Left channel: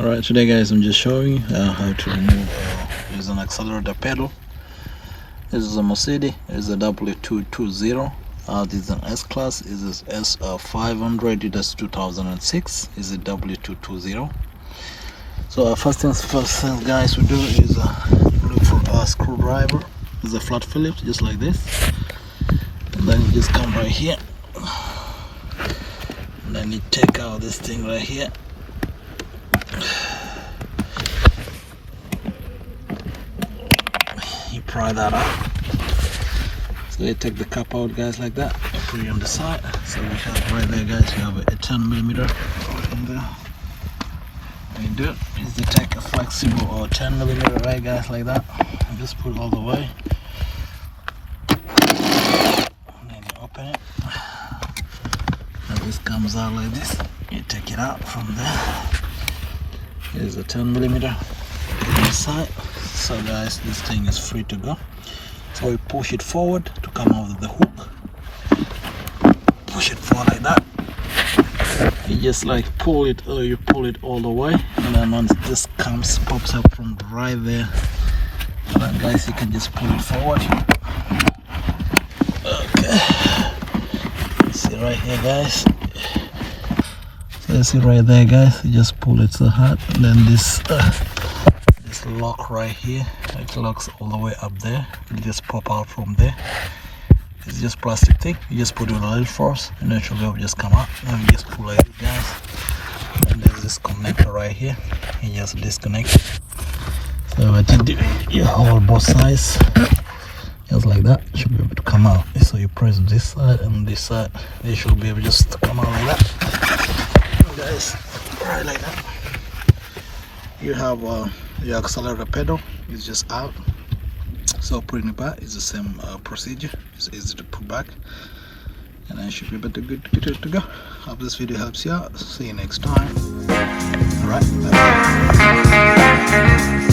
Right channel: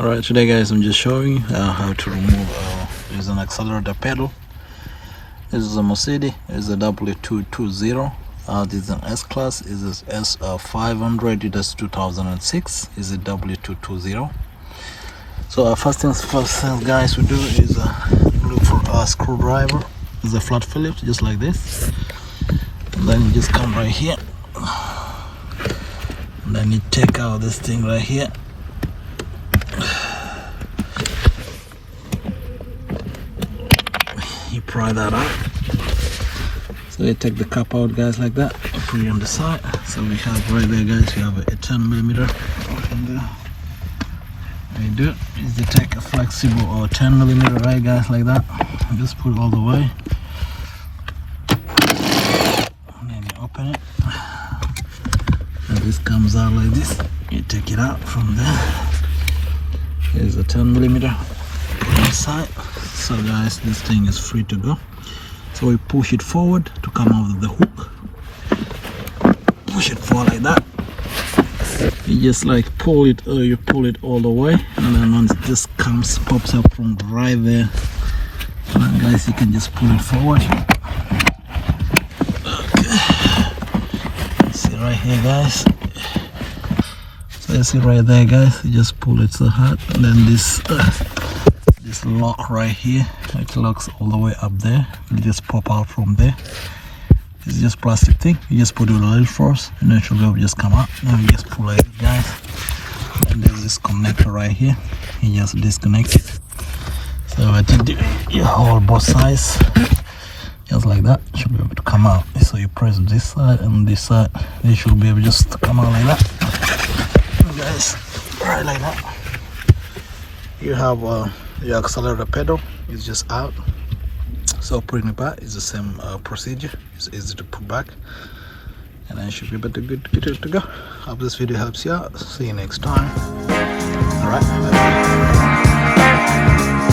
Alright, today guys I'm just showing how to remove use an accelerator pedal. This is a Mercedes, it's a W220. This is an S-Class, this is S500, it is 2006, is a W220. So first things first guys, we do is look for a screwdriver. It's a flat Phillips, just like this. And then you just come right here. And then you take out this thing right here. You pry that out. So you take the cap out guys like that, put it on the side. So we have right there guys, you have a 10mm in there. What you do is you take a flexible or 10mm right guys like that, and just put it all the way. And then you open it. And this comes out like this. You take it out from there. There's a 10mm on the side. So guys, this thing is free to go. So we push it forward to come out of the hook. Push it forward like that. You just like pull it, or you pull it all the way, and then once this pops up from right there, and then guys you can just pull it forward. Okay. See right here guys. So you see right there guys, you just pull it so hard, and then this lock right here, it locks all the way up there. You just pop out from there. It's just plastic thing. You just put it on a little force, and then it will just come out. And you just pull it, guys. And there's this connector right here. You just disconnect it. So I think you hold both sides, just like that. It should be able to come out. So you press this side and this side. They should be able just to come out like that. And guys, right like that. You have your accelerator pedal is just out. So putting it back is the same procedure. It's easy to put back, and I should be able to get it to go. Hope this video helps you out. See you next time. All right, bye-bye.